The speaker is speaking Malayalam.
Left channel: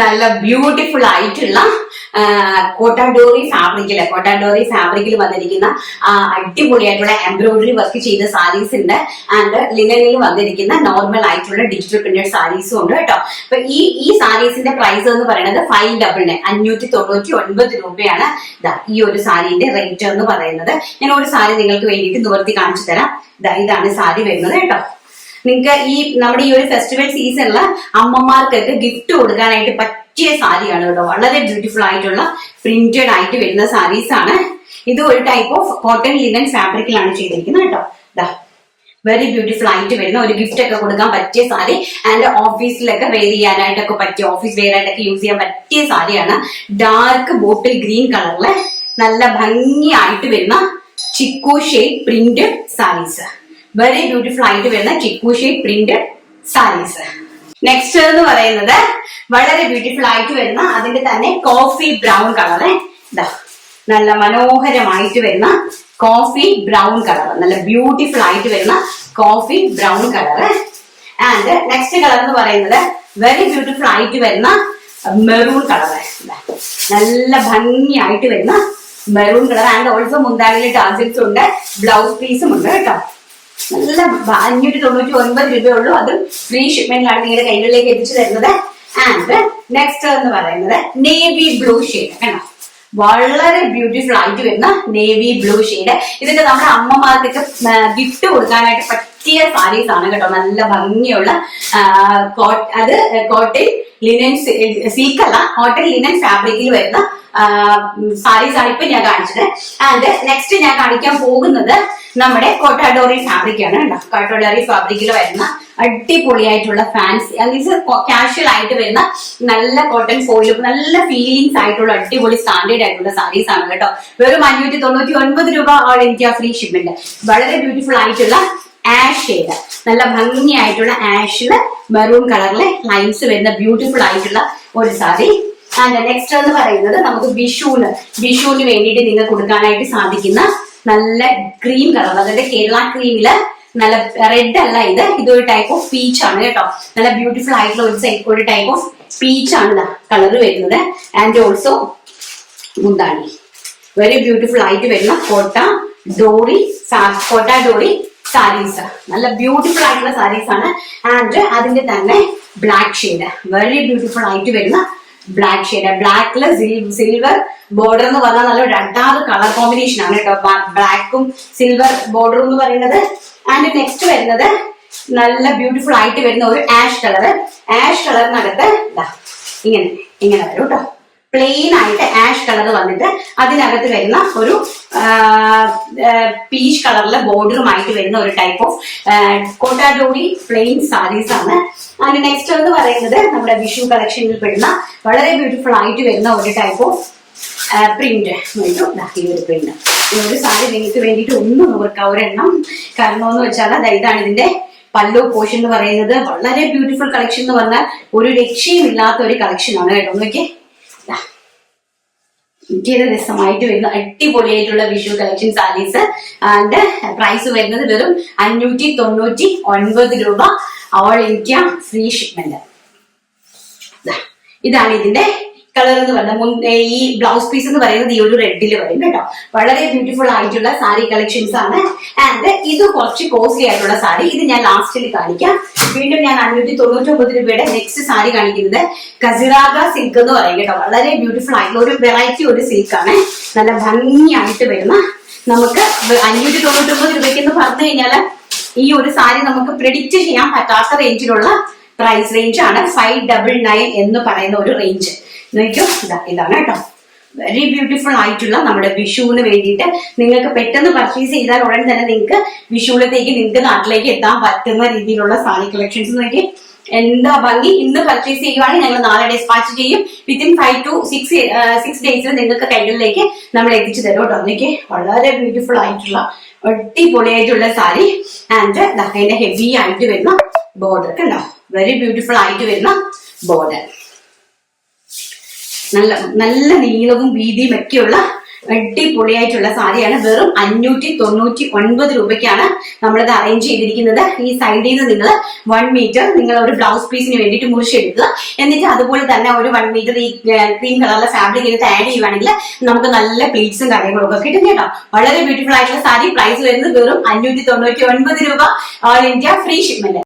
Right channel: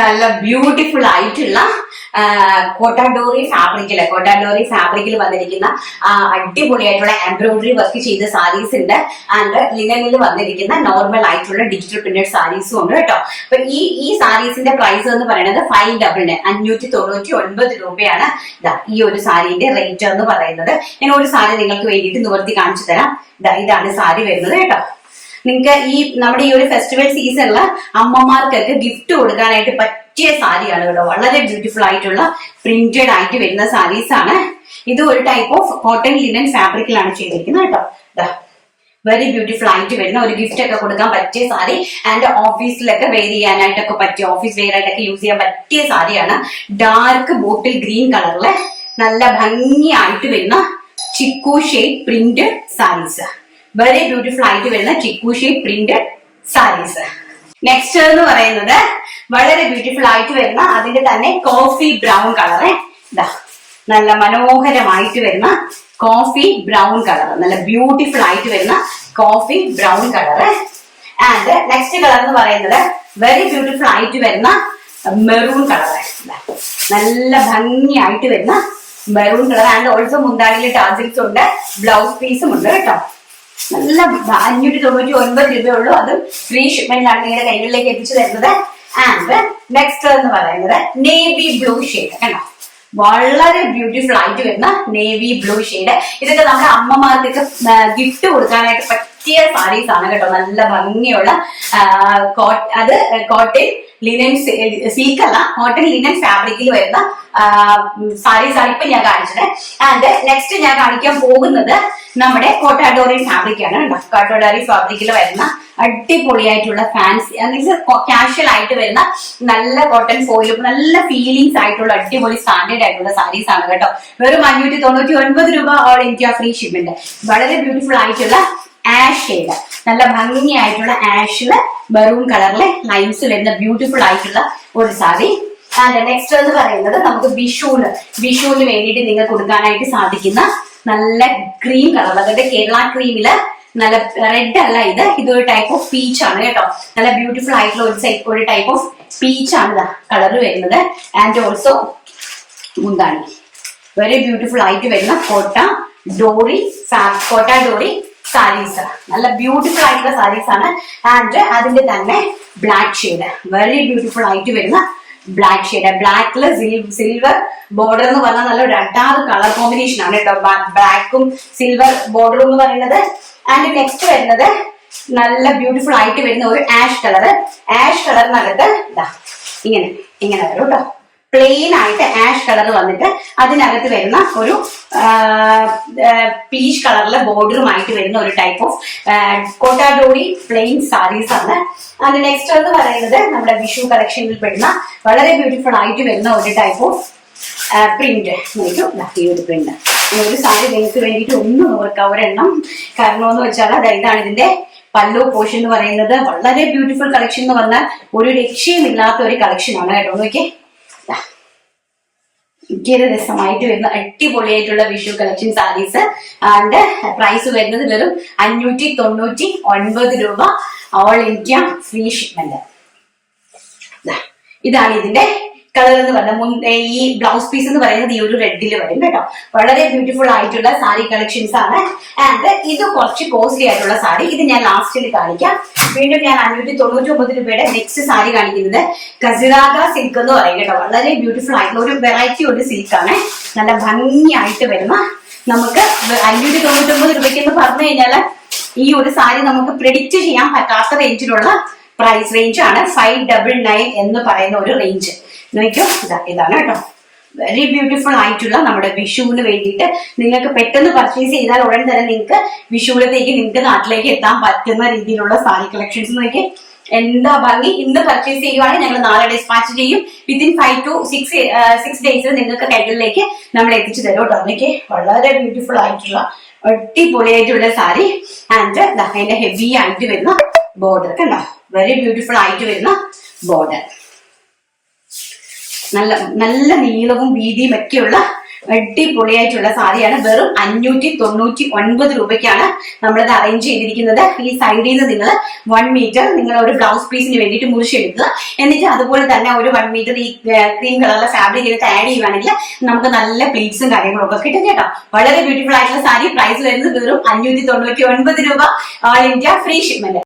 നല്ല ബ്യൂട്ടിഫുൾ ആയിട്ടുള്ള കോട്ടാഡോറി ഫാബ്രിക്കിൽ കോട്ടാഡോറി ഫാബ്രിക്കിൽ വന്നിരിക്കുന്ന അടിപൊളിയായിട്ടുള്ള എംബ്രോയിഡറി വർക്ക് ചെയ്ത സാരീസ് ഉണ്ട്. ആൻഡ് ലിനനിൽ വന്നിരിക്കുന്ന നോർമൽ ആയിട്ടുള്ള ഡിജിറ്റൽ പ്രിന്റഡ് സാരീസും ഉണ്ട് കേട്ടോ. അപ്പൊ ഈ ഈ സാരീസിന്റെ പ്രൈസ് എന്ന് പറയുന്നത് ഫൈവ് ഡബിൾ അഞ്ഞൂറ്റി തൊണ്ണൂറ്റി ഒൻപത് രൂപയാണ്. ഈ ഒരു സാരീന്റെ റേറ്റ് എന്ന് പറയുന്നത്. ഞാൻ ഒരു സാരി നിങ്ങൾക്ക് വേണ്ടിയിട്ട് നിവർത്തി കാണിച്ചു തരാം. ഇതാണ് സാരി വരുന്നത് കേട്ടോ. നിങ്ങൾക്ക് ഈ നമ്മുടെ ഈ ഒരു ഫെസ്റ്റിവൽ സീസണിൽ അമ്മമാർക്കൊക്കെ ഗിഫ്റ്റ് കൊടുക്കാനായിട്ട് പറ്റിയ സാരിയാണ് കേട്ടോ. വളരെ ബ്യൂട്ടിഫുൾ ആയിട്ടുള്ള പ്രിന്റഡ് ആയിട്ട് വരുന്ന സാരീസ് ആണ്. ഇത് ഒരു ടൈപ്പ് ഓഫ് കോട്ടൺ ലിനൻ ഫാബ്രിക്കിലാണ് ചെയ്തിരിക്കുന്നത് കേട്ടോ. ദാ വെരി ബ്യൂട്ടിഫുൾ ആയിട്ട് വരുന്ന ഒരു ഗിഫ്റ്റ് ഒക്കെ കൊടുക്കാൻ പറ്റിയ സാരി. ആൻഡ് ഓഫീസിലൊക്കെ വെയർ ചെയ്യാനായിട്ടൊക്കെ പറ്റിയ ഓഫീസ് വെയർ ആയിട്ടൊക്കെ യൂസ് ചെയ്യാൻ പറ്റിയ സാരിയാണ്. ഡാർക്ക് ബോട്ടിൽ ഗ്രീൻ കളറിലെ നല്ല ഭംഗിയായിട്ട് വരുന്ന Chicco shape print saris very beautiful ആയിട്ട് വരുന്ന ചിക്കുഷി പ്രിന്റ് സാരീസ് നെക്സ്റ്റ് എന്ന് പറയുന്നത് വളരെ ബ്യൂട്ടിഫുൾ ആയിട്ട് വരുന്ന അതിന്റെ തന്നെ കോഫി ബ്രൗൺ കളറ് ഇതാ നല്ല മനോഹരമായിട്ട് വരുന്ന കോഫി ബ്രൗൺ കളർ നല്ല ബ്യൂട്ടിഫുൾ ആയിട്ട് വരുന്ന coffee brown colour and next colour എന്ന് പറയുന്നത് വെരി ബ്യൂട്ടിഫുൾ ആയിട്ട് വരുന്ന മെറൂൺ കളറ് നല്ല ഭംഗിയായിട്ട് വരുന്ന മെറൂൺ കളർ ആൻഡ് ഓൾസോ മുന്താണിയിലെ ടാസിൽസ് ഉണ്ട് ബ്ലൗസ് പീസും ഉണ്ട് കേട്ടോ. നല്ല അഞ്ഞൂറ്റി തൊണ്ണൂറ്റി ഒൻപത് രൂപയുള്ളൂ. അതും ഫ്രീ ഷിപ്മെന്റിലാണ് നിങ്ങളുടെ കൈകളിലേക്ക് എത്തിച്ചു തരുന്നത്. ആൻഡ് നെക്സ്റ്റ് എന്ന് പറയുന്നത് നേവി ബ്ലൂ ഷെയ്ഡ് കണ്ടോ വളരെ ബ്യൂട്ടിഫുൾ ആയിട്ട് വരുന്ന നേവി ബ്ലൂ ഷെയ്ഡ് ഇതൊക്കെ നമ്മുടെ അമ്മമാർക്ക് ഗിഫ്റ്റ് കൊടുക്കാനായിട്ട് പറ്റിയ സാരീസ് ആണ് കേട്ടോ. നല്ല ഭംഗിയുള്ള അത് കോട്ടൺ ലിനൻ സിൽക്ക് അല്ല കോട്ടൺ ലിനൻ ഫാബ്രിക്കിൽ വരുന്ന സാരീസ് ആണ് ഇപ്പൊ ഞാൻ കാണിച്ചത്. ആൻഡ് നെക്സ്റ്റ് ഞാൻ കാണിക്കാൻ പോകുന്നത് നമ്മുടെ കോട്ടാഡോറി ഫാബ്രിക് ആണ് കേട്ടോ കോട്ടാഡോറി ഫാബ്രിക്കിൽ വരുന്ന അടിപൊളിയായിട്ടുള്ള ഫാൻസി കാഷ്വൽ ആയിട്ട് വരുന്ന നല്ല കോട്ടൺ ഫോയിലും നല്ല ഫീലിംഗ്സ് ആയിട്ടുള്ള അടിപൊളി സ്റ്റാൻഡേർഡ് ആയിട്ടുള്ള സാരീസ് ആണ് കേട്ടോ. വെറും അഞ്ഞൂറ്റി തൊണ്ണൂറ്റി ഒൻപത് രൂപ ഓൾ ഇന്ത്യ ഫ്രീ ഷിപ്മെന്റ് വളരെ ബ്യൂട്ടിഫുൾ ആയിട്ടുള്ള ആഷ് ഷെയ്ഡ് നല്ല ഭംഗിയായിട്ടുള്ള ആഷിൽ മെറൂൺ കളറിലെ ലൈൻസ് വരുന്ന ബ്യൂട്ടിഫുൾ ആയിട്ടുള്ള ഒരു സാരി ആൻഡ് നെക്സ്റ്റ് എന്ന് പറയുന്നത് നമുക്ക് വിഷുവിന് വിഷുവിന് വേണ്ടിയിട്ട് നിങ്ങൾക്ക് കൊടുക്കാനായിട്ട് സാധിക്കുന്ന നല്ല ക്രീം കളർ അതായത് കേരള ക്രീമിൽ നല്ല റെഡ് അല്ല ഇത്. ഇതൊരു ടൈപ്പ് ഓഫ് പീച്ച് ആണ് കേട്ടോ. നല്ല ബ്യൂട്ടിഫുൾ ആയിട്ടുള്ള ഒരു സൈഡ് ഒരു ടൈപ്പ് ഓഫ് പീച്ച് ആണ് കളർ വരുന്നത്. ആൻഡ് ഓൾസോ മുന്താണി. വെരി ബ്യൂട്ടിഫുൾ ആയിട്ട് വരുന്ന കോട്ട ഡോറി കോട്ട ഡോറി സാരീസ്. നല്ല ബ്യൂട്ടിഫുൾ ആയിട്ടുള്ള സാരീസ് ആണ്. ആൻഡ് അതിന്റെ തന്നെ ബ്ലാക്ക് ഷെയ്ഡ് വെരി ബ്യൂട്ടിഫുൾ ആയിട്ട് വരുന്ന ബ്ലാക്ക് ഷെയ്ഡ് ബ്ലാക്കിൽ സിൽവർ ബോർഡർ എന്ന് പറഞ്ഞാൽ നല്ല അഡാറ് കളർ കോമ്പിനേഷൻ ആണ് കേട്ടോ ബ്ലാക്കും സിൽവർ ബോർഡർ എന്ന് പറയുന്നത്. ആൻഡ് നെക്സ്റ്റ് വരുന്നത് നല്ല ബ്യൂട്ടിഫുൾ ആയിട്ട് വരുന്ന ഒരു ആഷ് കളർ ആഷ് കളറിനകത്ത് ഇങ്ങനെ ഇങ്ങനെ വരും കേട്ടോ പ്ലെയിൻ ആയിട്ട് ആഷ് കളർ വന്നിട്ട് അതിനകത്ത് വരുന്ന ഒരു പീച്ച് കളറിലെ ബോർഡറുമായിട്ട് വരുന്ന ഒരു ടൈപ്പ് ഓഫ് കോട്ടാഡോഡി പ്ലെയിൻ സാരീസ് ആണ്. അതിന് നെക്സ്റ്റ് എന്ന് പറയുന്നത് നമ്മുടെ വിഷു കളക്ഷനിൽ പെടുന്ന വളരെ ബ്യൂട്ടിഫുൾ ആയിട്ട് വരുന്ന ഒരു ടൈപ്പ് ഓഫ് പ്രിന്റ് ഈ ഒരു പ്രിന്റ് ഒരു സാരി നിങ്ങൾക്ക് വേണ്ടിയിട്ട് ഒന്നും നോക്കാം ഒരെണ്ണം കാരണം എന്ന് വെച്ചാൽ അതാ ഇതാണ് ഇതിന്റെ പല്ലോ പോഷൻ എന്ന് പറയുന്നത്. വളരെ ബ്യൂട്ടിഫുൾ കളക്ഷൻ എന്ന് പറഞ്ഞാൽ ഒരു രക്ഷയുമില്ലാത്ത ഒരു കളക്ഷൻ ആണ് കേട്ടോ. നോക്കിയേ. ഇന്ത്യയുടെ രസമായിട്ട് വരുന്ന അടിപൊളിയായിട്ടുള്ള Vishu collection sarees. And price വരുന്നത് വെറും അഞ്ഞൂറ്റി തൊണ്ണൂറ്റി ഒൻപത് രൂപ ഓൾ ഇന്ത്യ ഫ്രീ ഷിപ്മെന്റ് ഇതാണ് ഇതിന്റെ കളർ എന്ന് പറഞ്ഞ മുൻ ഈ ബ്ലൗസ് പീസ് എന്ന് പറയുന്നത് ഈ ഒരു റെഡിൽ വരും കേട്ടോ. വളരെ ബ്യൂട്ടിഫുൾ ആയിട്ടുള്ള സാരി കളക്ഷൻസ് ആണ്. ആൻഡ് ഇത് കുറച്ച് കോസ്റ്റ്ലി ആയിട്ടുള്ള സാരി. ഇത് ഞാൻ ലാസ്റ്റിൽ കാണിക്കാം. വീണ്ടും ഞാൻ അഞ്ഞൂറ്റി തൊണ്ണൂറ്റി ഒമ്പത് രൂപയുടെ നെക്സ്റ്റ് സാരി കാണിക്കുന്നത് കസിറാഗ സിൽക്ക് എന്ന് പറയും കേട്ടോ. വളരെ ബ്യൂട്ടിഫുൾ ആയിട്ടുള്ള ഒരു വെറൈറ്റി ഒരു സിൽക്ക് ആണ്. നല്ല ഭംഗിയായിട്ട് വരുന്ന നമുക്ക് അഞ്ഞൂറ്റി തൊണ്ണൂറ്റി ഒമ്പത് രൂപയ്ക്ക് എന്ന് പറഞ്ഞു കഴിഞ്ഞാൽ ഈ ഒരു സാരി നമുക്ക് പ്രിഡിക്റ്റ് ചെയ്യാൻ പറ്റാത്ത റേഞ്ചിലുള്ള പ്രൈസ് റേഞ്ച് ആണ്. ഫൈവ് ഡബിൾ നയൻ എന്ന് പറയുന്ന ഒരു റേഞ്ച് ഇതാണ് കേട്ടോ. വെരി ബ്യൂട്ടിഫുൾ ആയിട്ടുള്ള നമ്മുടെ വിഷുവിന് വേണ്ടിയിട്ട് നിങ്ങൾക്ക് പെട്ടെന്ന് പർച്ചേസ് ചെയ്താൽ ഉടൻ തന്നെ നിങ്ങൾക്ക് വിഷുവിലത്തേക്ക് നിങ്ങൾക്ക് നാട്ടിലേക്ക് എത്താൻ പറ്റുന്ന രീതിയിലുള്ള സാരി കളക്ഷൻസ് നോക്കി. എന്താ ഭംഗി? ഇന്ന് പർച്ചേസ് ചെയ്യുവാണെങ്കിൽ ഞങ്ങൾ നാളെ ഡിസ്പാച്ച് ചെയ്യും. Within five to six six ഡേയ്സിൽ നിങ്ങൾക്ക് കൈകളിലേക്ക് നമ്മൾ എത്തിച്ചു തരും കേട്ടോ. അതിലേക്ക് വളരെ ബ്യൂട്ടിഫുൾ ആയിട്ടുള്ള അടിപൊളിയായിട്ടുള്ള സാരി. ആൻഡ് അതിന്റെ ഹെവി ആയിട്ട് വരുന്ന ബോർഡർ കണ്ടോ? വെരി ബ്യൂട്ടിഫുൾ ആയിട്ട് വരുന്ന ബോർഡർ നല്ല നല്ല നീളവും വീതിയും ഒക്കെയുള്ള അടിപൊളിയായിട്ടുള്ള സാരിയാണ്. വെറും അഞ്ഞൂറ്റി തൊണ്ണൂറ്റി ഒൻപത് രൂപയ്ക്കാണ് നമ്മളിത് അറേഞ്ച് ചെയ്തിരിക്കുന്നത്. ഈ സൈഡിൽ നിന്ന് നിങ്ങൾ വൺ മീറ്റർ നിങ്ങൾ ഒരു ബ്ലൗസ് പീസിന് വേണ്ടിയിട്ട് മുറിച്ചെടുക്കുക. എന്നിട്ട് അതുപോലെ തന്നെ ഒരു വൺ മീറ്റർ ഈ ക്രീം കളറിലെ ഫാബ്രിക് ഇതിനകത്ത് ആഡ് ചെയ്യുവാണെങ്കിൽ നമുക്ക് നല്ല പ്ലീറ്റ്സും കാര്യങ്ങളും ഒക്കെ കിട്ടും കേട്ടോ. വളരെ ബ്യൂട്ടിഫുൾ ആയിട്ടുള്ള സാരി. പ്രൈസ് വരുന്നത് വെറും അഞ്ഞൂറ്റി തൊണ്ണൂറ്റി ഒൻപത് രൂപ. All India free shipment